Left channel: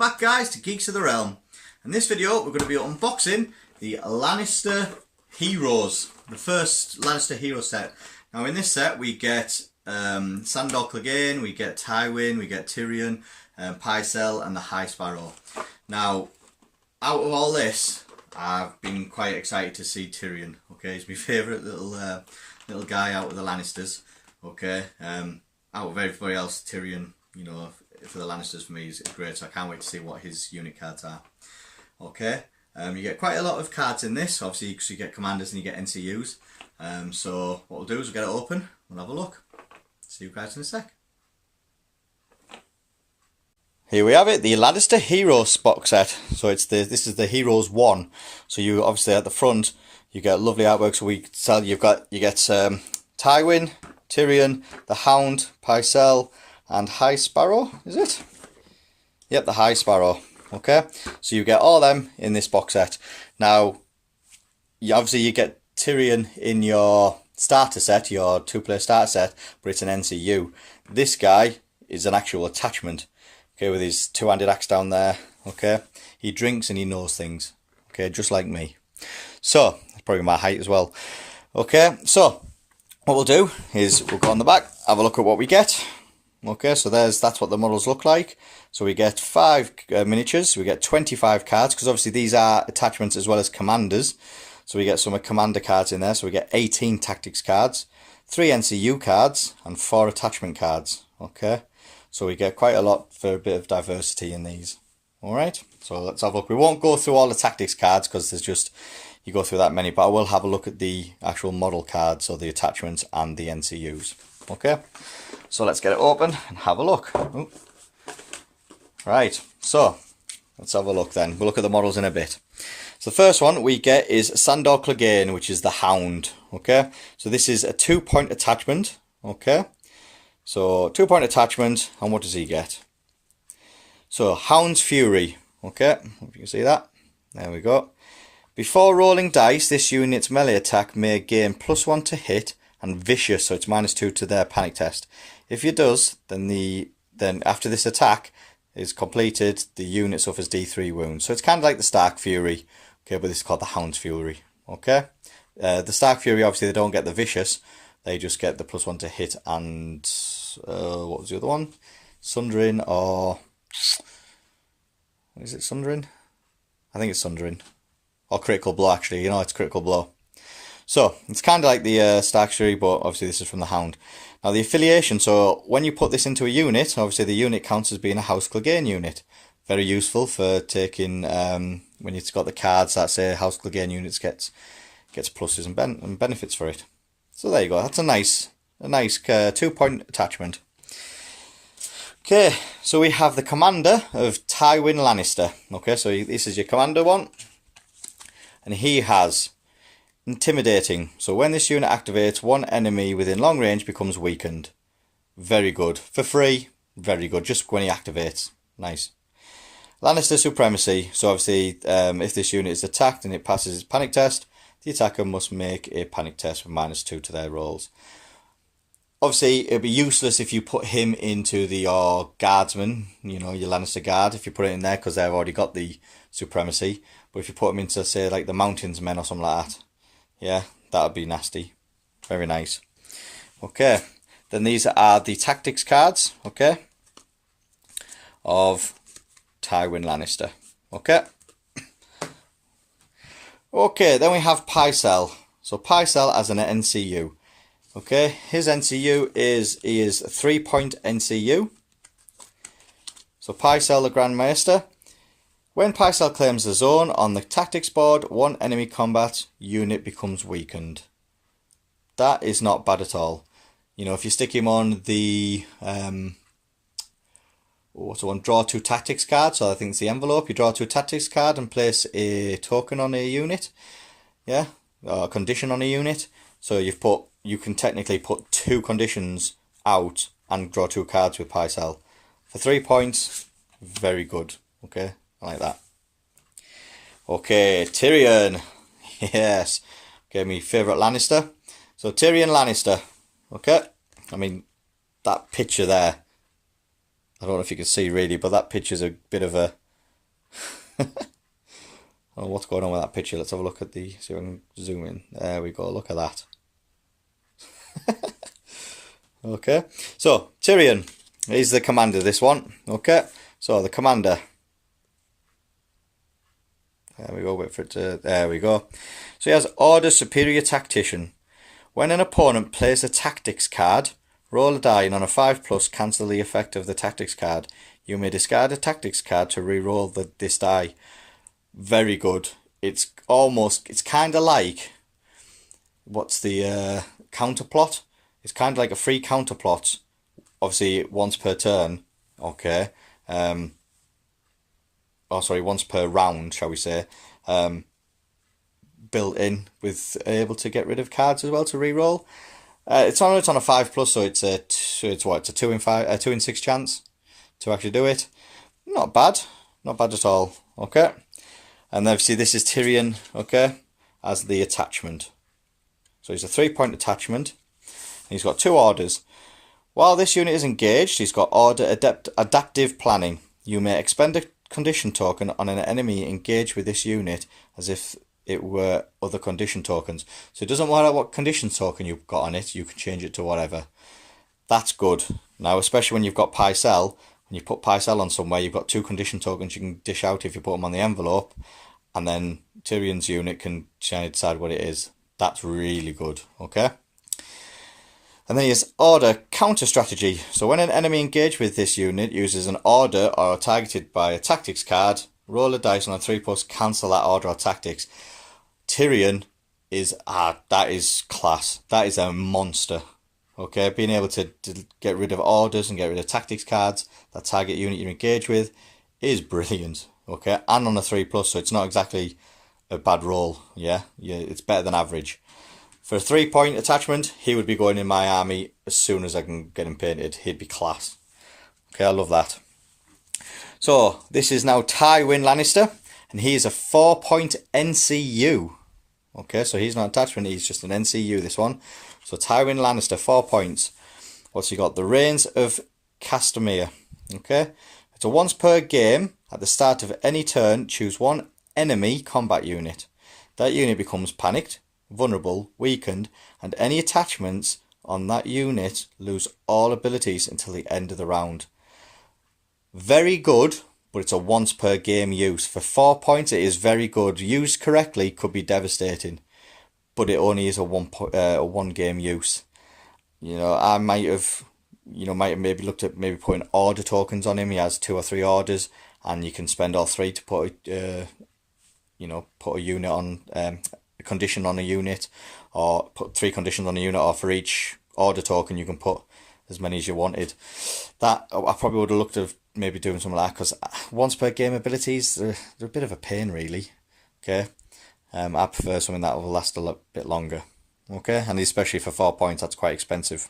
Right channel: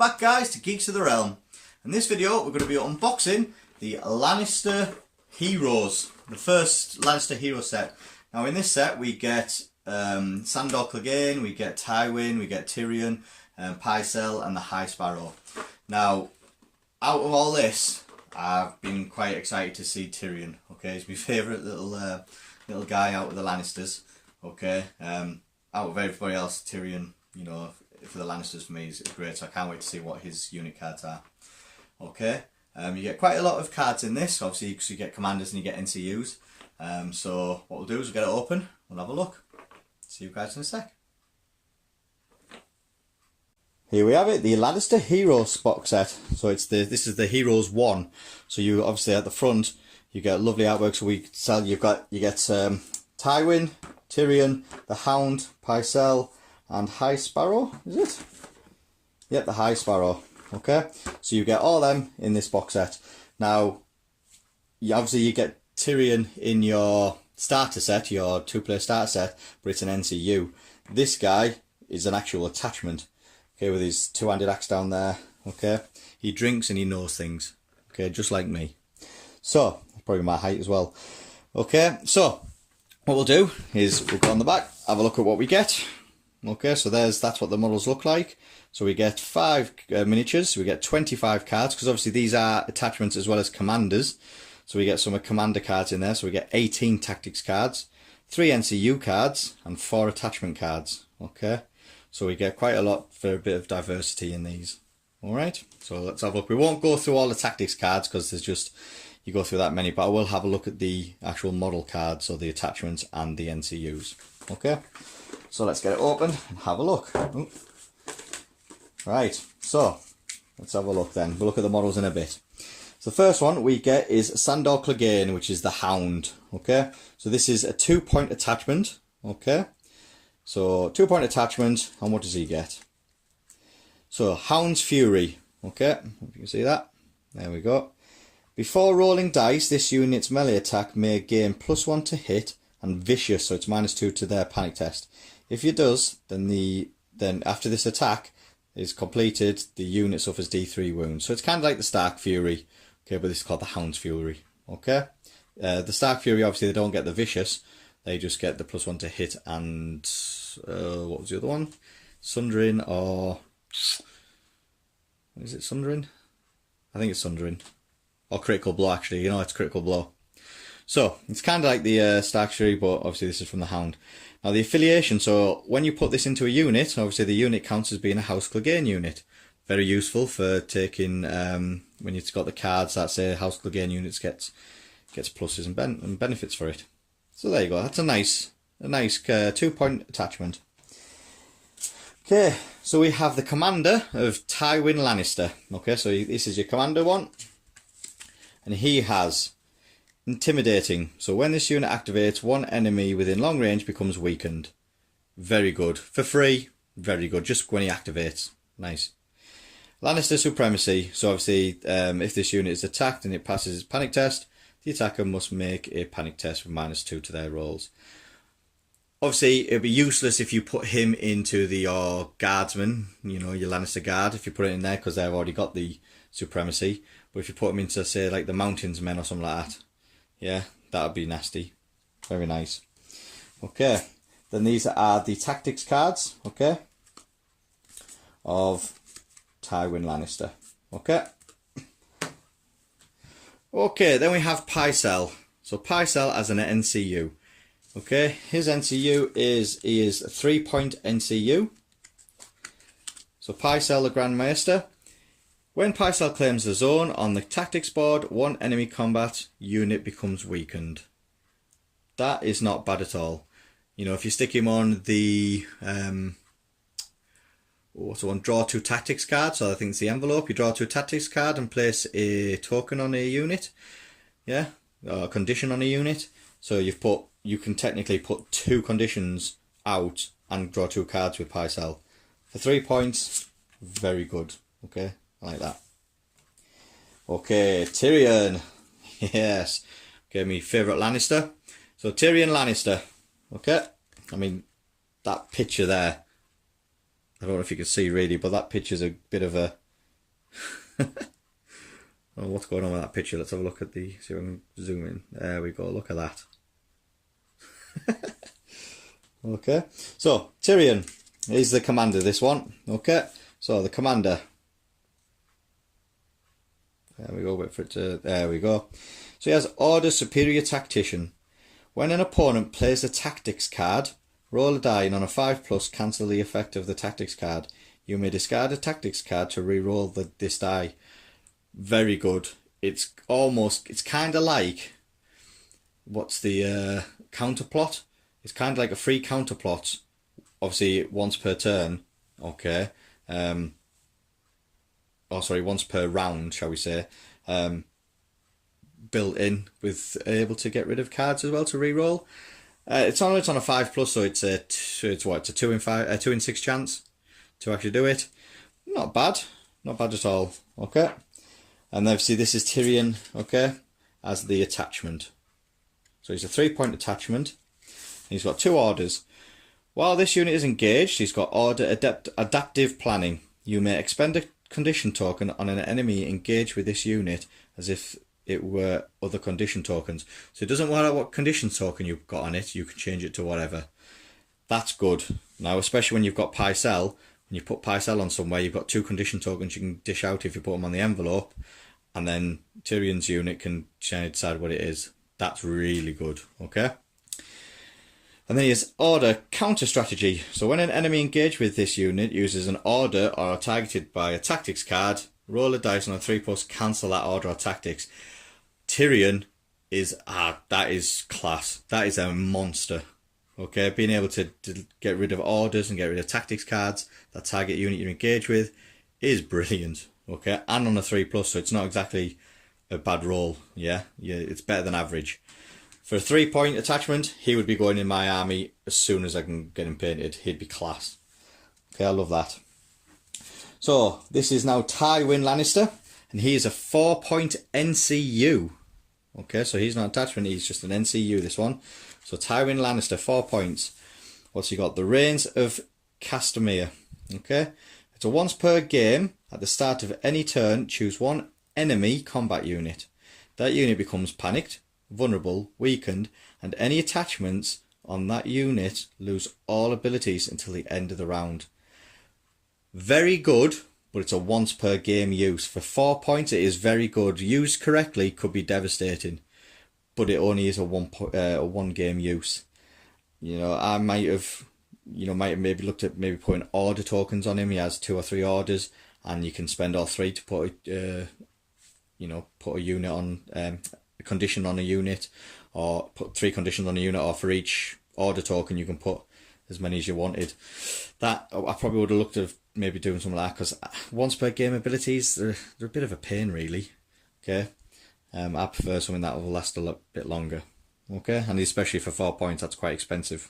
back guys to Geeks of the Realm. In this video we're going to be unboxing the Lannister Heroes, the first Lannister Hero set. Now in this set we get Sandor Clegane, we get Tywin, we get Tyrion, Pycelle and the High Sparrow. Now out of all this I've been quite excited to see Tyrion. Okay, he's my favourite little guy out of the Lannisters. Okay, out of everybody else, Tyrion, you know, for the Lannisters for me is great, so I can't wait to see what his unit cards are. Okay, you get quite a lot of cards in this, obviously, because you get commanders and you get NCUs. So what we'll do is we'll get it open, we'll have a look. See you guys in a sec. Here we have it, the Lannister Heroes box set. So this is the Heroes 1. So you obviously at the front you get lovely artwork. So you get Tywin, Tyrion, the Hound, Pycelle, and High Sparrow, is it? Yep, the High Sparrow. Okay, so you get all them in this box set. Now, obviously you get Tyrion in your starter set, your 2-player starter set, but it's an NCU. This guy is an actual attachment. Okay, with his 2-handed axe down there. Okay, he drinks and he knows things. Okay, just like me. So that's probably my height as well. Okay, so what we'll do is we'll go on the back, have a look at what we get. Okay, so that's what the models look like. So we get 5 miniatures, we get 25 cards, because obviously these are attachments as well as commanders. So we get some commander cards in there, so we get 18 tactics cards, 3 NCU cards, and 4 attachment cards. Okay, so we get quite a lot for a bit of diversity in these. Alright, so let's have a look. We won't go through all the tactics cards, because there's just, you go through that many, but I will have a look at the actual model cards, so the attachments and the NCUs. Okay, so let's get it open and have a look. Ooh. Right, so let's have a look then. We'll look at the models in a bit. So the first one we get is Sandor Clegane, which is the Hound. Okay, so this is a 2-point attachment. Okay, so 2-point attachment, and what does he get? So Hound's Fury. Okay, hope you can see that. There we go. Before rolling dice, this unit's melee attack may gain +1 to hit and vicious, so it's -2 to their panic test. If it does, then after this attack is completed, the unit suffers D3 wounds. So it's kind of like the Stark Fury, okay, but this is called the Hound's Fury. Okay, the Stark Fury, obviously they don't get the vicious, they just get the +1 to hit and what was the other one? Sundering, or is it Sundering? I think it's Sundering, or critical blow. Actually, you know, it's critical blow. So it's kind of like the Stark Fury, but obviously this is from the Hound. Now the affiliation, so when you put this into a unit, obviously the unit counts as being a House Clegane unit. Very useful for taking, when you've got the cards that say House Clegane units gets pluses and benefits for it. So there you go, that's a nice 2-point attachment. Okay, so we have the commander of Tywin Lannister. Okay, so this is your commander one. And he has Intimidating. So when this unit activates, one enemy within long range becomes weakened. Very good. For free, very good. Just when he activates. Nice. Lannister Supremacy. So obviously, if this unit is attacked and it passes its panic test, the attacker must make a panic test with -2 to their rolls. Obviously, it'd be useless if you put him into your guardsman, you know, your Lannister guard, if you put it in there, because they've already got the supremacy. But if you put him into, say, like the Mountains Men or something like that, yeah, that would be nasty. Very nice. Okay, then these are the tactics cards, okay, of Tywin Lannister. Okay. Okay, then we have Pycelle. So Pycelle as an NCU. Okay, his NCU is a 3-point NCU. So Pycelle the Grand Maester. When Pycelle claims the zone on the tactics board, one enemy combat unit becomes weakened. That is not bad at all. You know, if you stick him on the what's the one? Draw 2 tactics card. So I think it's the envelope. You draw 2 tactics card and place a token on a unit. Yeah, or a condition on a unit. So you can technically put 2 conditions out and draw 2 cards with Pycelle. For 3 points, very good. Okay, I like that. Okay, Tyrion. Yes. Okay, my favourite Lannister. So Tyrion Lannister. Okay. I mean, that picture there. I don't know if you can see really, but that picture's a bit of a don't know what's going on with that picture. Let's have a look at the, see if I can zoom in. There we go, look at that. Okay, so Tyrion is the commander, this one. Okay, so the commander. There we go, wait for it to, there we go. So he has Order Superior Tactician. When an opponent plays a tactics card, roll a die and on a 5+, cancel the effect of the tactics card. You may discard a tactics card to re-roll this die. Very good. It's kind of like, what's the counterplot? It's kind of like a free counterplot, obviously once per turn, okay. Once per round, shall we say. Built in with able to get rid of cards as well to re-roll. It's on a 5+, so it's a 2 in 6 chance to actually do it. Not bad at all. Okay, and then obviously this is Tyrion, okay, as the attachment. So he's a 3-point attachment. He's got 2 orders. While this unit is engaged, he's got Order Adaptive Planning. You may expend a condition token on an enemy engaged with this unit as if it were other condition tokens. So it doesn't matter what condition token you've got on it, you can change it to whatever. That's good. Now, especially when you've got Pycelle, when you put Pycelle on somewhere, you've got 2 condition tokens you can dish out if you put them on the envelope, and then Tyrion's unit can decide what it is. That's really good, okay? And then he has Order Counter Strategy. So when an enemy engaged with this unit uses an order or targeted by a tactics card, roll a dice on a 3+, cancel that order or tactics. Tyrion is, that is class. That is a monster. Okay, being able to get rid of orders and get rid of tactics cards that target unit you're engaged with is brilliant. Okay, and on a 3+, so it's not exactly a bad roll. Yeah, it's better than average. For a 3-point attachment, he would be going in my army as soon as I can get him painted. He'd be class. Okay, I love that. So, this is now Tywin Lannister, and he is a 4-point NCU. Okay, so he's not an attachment, he's just an NCU, this one. So, Tywin Lannister, 4 points. What's he got? The Reigns of Castamere. Okay, it's a once per game. At the start of any turn, choose one enemy combat unit. That unit becomes panicked, vulnerable, weakened, and any attachments on that unit lose all abilities until the end of the round. Very good, but it's a once per game use. For 4 points, it is very good. Used correctly, could be devastating, but it only is a one game use. You know, I might have maybe looked at maybe putting order tokens on him. He has 2 or 3 orders, and you can spend all 3 to put put a unit on. A condition on a unit, or put 3 conditions on a unit, or for each order token you can put as many as you wanted. That I probably would have looked at maybe doing something like that, because once per game abilities, they're a bit of a pain really. Okay, I prefer something that will last a little bit longer. Okay, and especially for 4 points, that's quite expensive.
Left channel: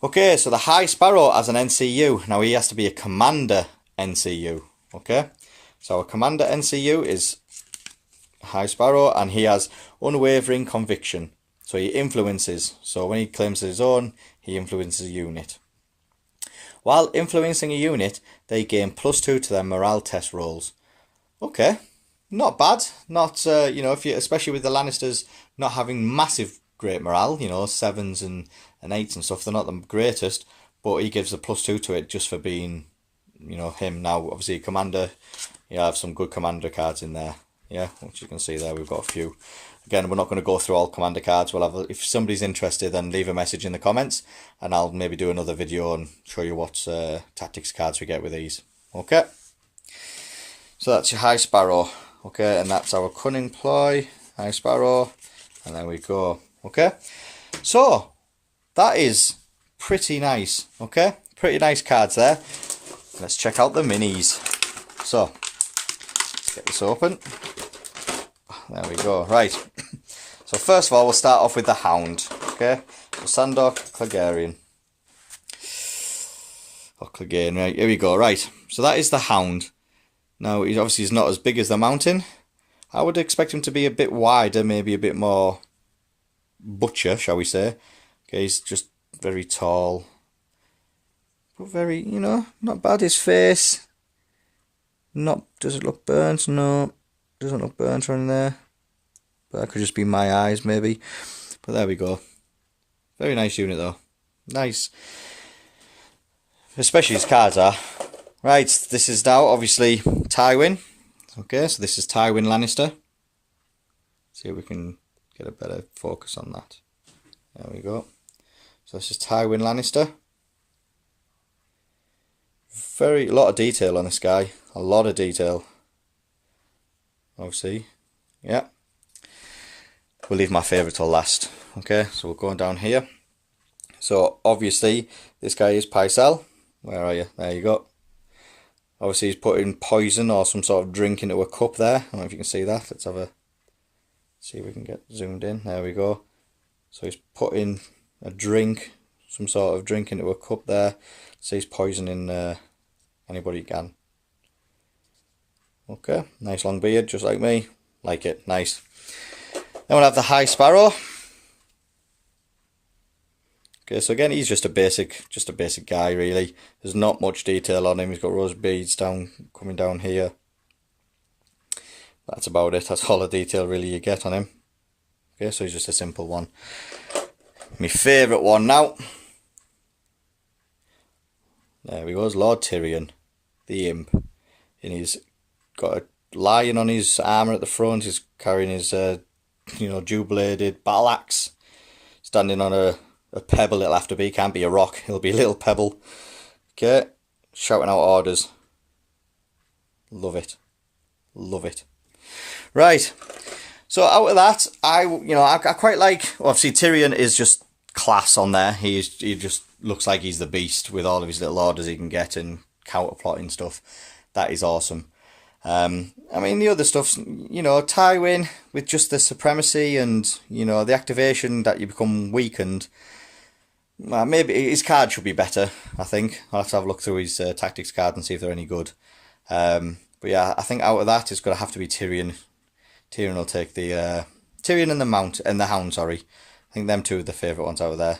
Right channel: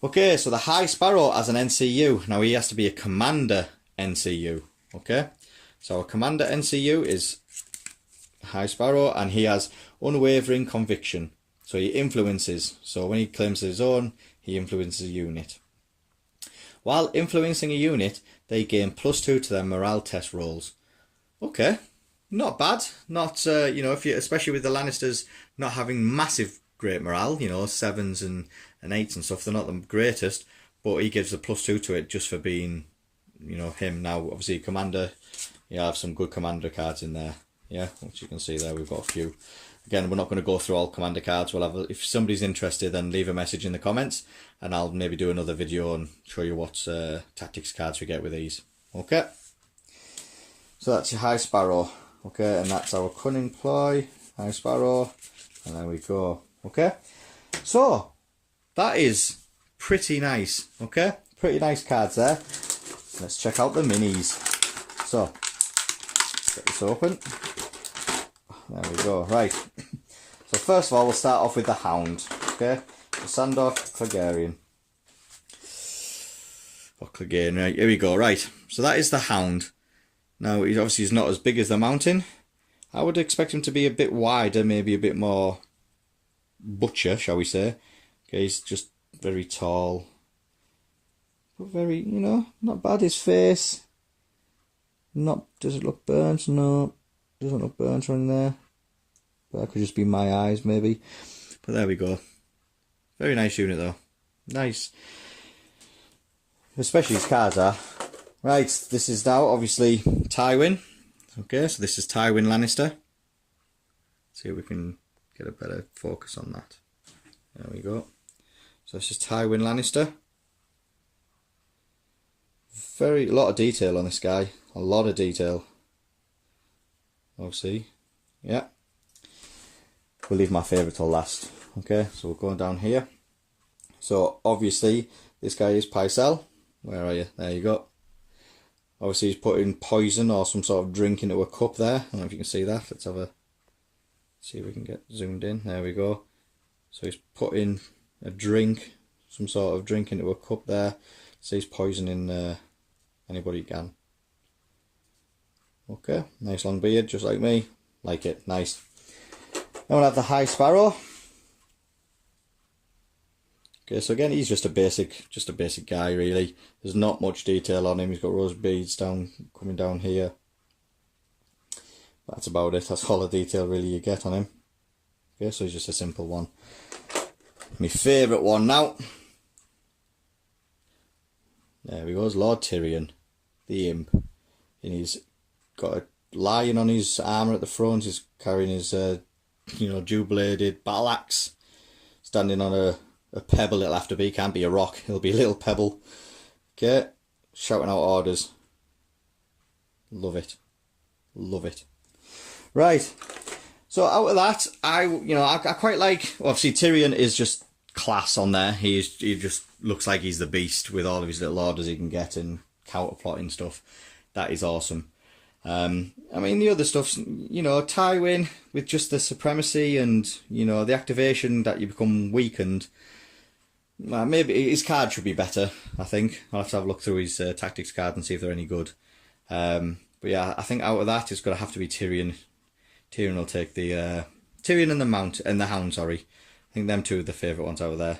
Okay, so the High Sparrow as an NCU. Now he has to be a commander NCU. Okay, so a commander NCU is High Sparrow, and he has Unwavering Conviction. So he influences. So when he claims his own, he influences a unit. While influencing a unit, they gain +2 to their morale test rolls. Okay, not bad. Not if you, especially with the Lannisters not having massive great morale, 7s and 8s and stuff, they're not the greatest, but he gives a +2 to it just for being, him. Now obviously commander, you have some good commander cards in there. Yeah, which you can see there, we've got a few. Again, we're not going to go through all commander cards. We'll have, if somebody's interested, then leave a message in the comments, and I'll maybe do another video and show you what tactics cards we get with these. Okay, so that's your High Sparrow. Okay, and that's our Cunning Ploy, High Sparrow, and there we go. Okay, so that is pretty nice. Okay, pretty nice cards there. Let's check out the minis. So get this open. There we go. Right. So first of all, we'll start off with the Hound. Okay. So Sandor Clegane. Oh, Clegane. Right. Here we go. Right. So that is the Hound. Now, he's obviously not as big as the Mountain. I would expect him to be a bit wider, maybe a bit more butcher, shall we say. Okay. He's just very tall. But very, not bad. His face. Does it look burnt? No. doesn't look burnt or in there. But that could just be my eyes maybe. But there we go. Very nice unit though. Nice. Especially his cards are. Right, this is now obviously Tywin. Okay, so this is Tywin Lannister. See if we can get a better focus on that. There we go. So this is Tywin Lannister. A lot of detail on this guy. A lot of detail. Obviously, yeah. We'll leave my favourite till last. Okay, so we're going down here. So obviously, this guy is Pycelle. Where are you? There you go. Obviously, he's putting poison or some sort of drink into a cup there. I don't know if you can see that. Let's have a see if we can get zoomed in. There we go. So he's putting a drink, some sort of drink into a cup there. So he's poisoning anybody he can. Okay, nice long beard, just like me. Like it, nice. Then we'll have the High Sparrow. Okay, so again, he's just a basic guy really. There's not much detail on him. He's got rose beads coming down here. That's about it. That's all the detail really you get on him. Okay, so he's just a simple one. My favourite one now. There he goes, Lord Tyrion, the imp. And he's got a lion on his armour at the front. He's carrying his, dual-bladed battle axe. Standing on a pebble it'll have to be. Can't be a rock. It'll be a little pebble. Okay, shouting out orders. Love it. Love it. Right. So out of that, I quite like. Obviously, Tyrion is just class on there. He just looks like he's the beast with all of his little orders he can get and counter plotting stuff. That is awesome. I mean, the other stuff's, Tywin with just the supremacy and, the activation that you become weakened. Maybe his card should be better, I think. I'll have to have a look through his tactics card and see if they're any good. But yeah, I think out of that, it's going to have to be Tyrion. Tyrion will take the... Tyrion and the Hound, sorry. I think them two are the favourite ones out of there.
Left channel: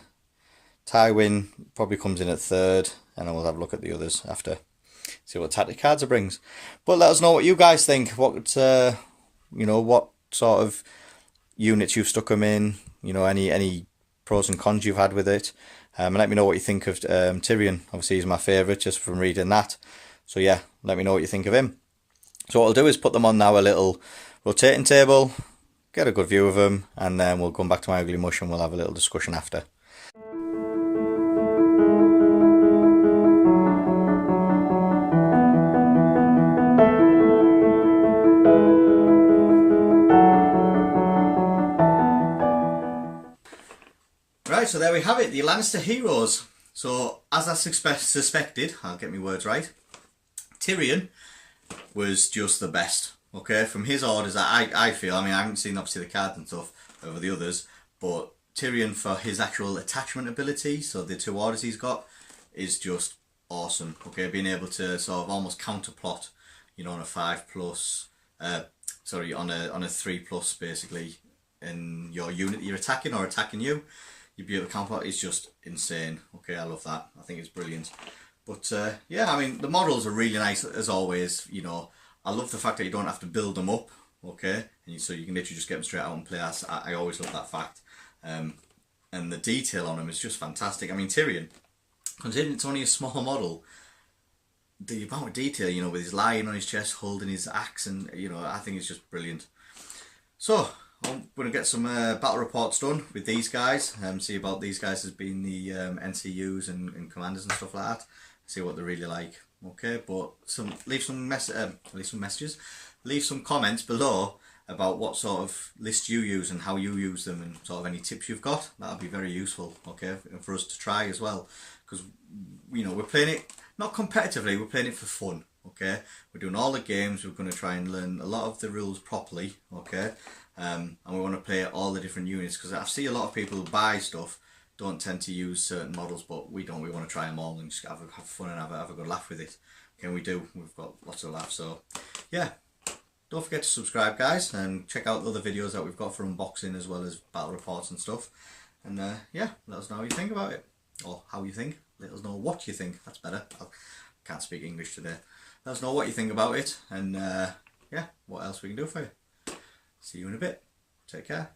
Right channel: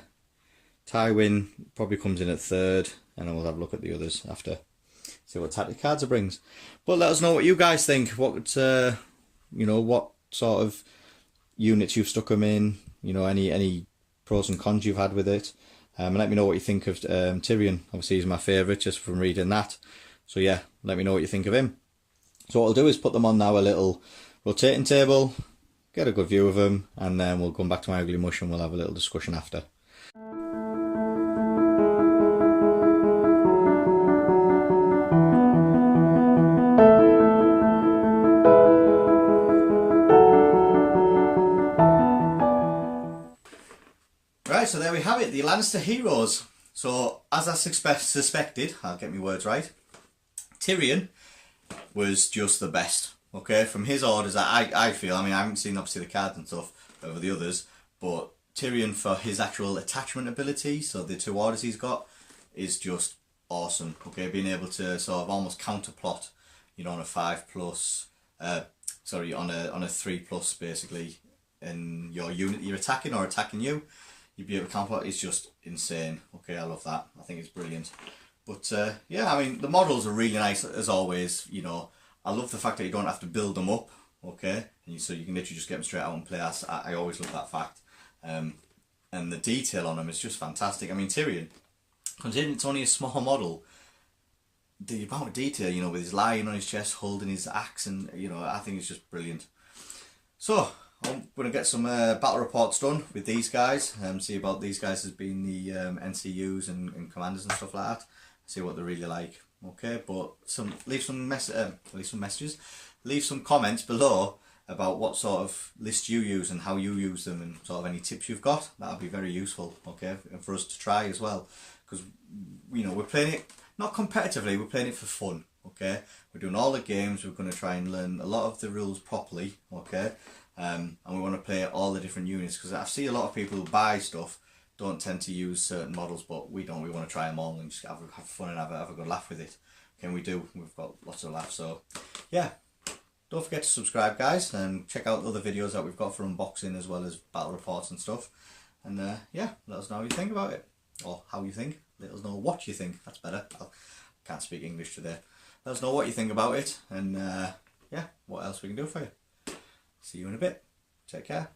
Tywin probably comes in at third, and then we'll have a look at the others after. See what tactic cards it brings. But let us know what you guys think. What what sort of units you've stuck them in. Any pros and cons you've had with it. And let me know what you think of Tyrion. Obviously, he's my favourite just from reading that. So yeah, let me know what you think of him. So what I'll do is put them on now a little rotating table, get a good view of them, and then we'll come back to my ugly mush and we'll have a little discussion after. Right, so there we have it, the Lannister Heroes. So, as I suspected, I'll get my words right, Tyrion was just the best, okay? From his orders, I feel, I haven't seen obviously the cards and stuff over the others, but Tyrion for his actual attachment ability, so the two orders he's got, is just awesome, okay? Being able to sort of almost counterplot, on a 5+, on a 3+, basically, in your unit you're attacking or attacking you. You'd be able to counterplot. It's just insane. Okay, I love that. I think it's brilliant. But yeah, the models are really nice as always. I love the fact that you don't have to build them up. Okay, so you can literally just get them straight out and play. I always love that fact. And the detail on them is just fantastic. Tyrion, considering it's only a small model, the amount of detail, with his lion on his chest holding his axe, and I think it's just brilliant. So I'm going to get some battle reports done with these guys, see about these guys as being the NCUs and commanders and stuff like that, see what they're really like. Okay, but leave some messages, leave some comments below about what sort of list you use and how you use them, and sort of any tips you've got. That'll be very useful, okay, and for us to try as well, because we're playing it not competitively, we're playing it for fun. Okay, we're doing all the games, we're going to try and learn a lot of the rules properly. Okay. And we want to play all the different units, because I see a lot of people who buy stuff don't tend to use certain models, but we don't. We want to try them all and just have fun and have a good laugh with it. Okay, we do. We've got lots of laughs. So yeah, don't forget to subscribe, guys, and check out the other videos that we've got for unboxing as well as battle reports and stuff. And yeah, let us know how you think about it, or how you think. Let us know what you think. That's better. I can't speak English today. Let us know what you think about it, and yeah, what else we can do for you. See you in a bit. Take care.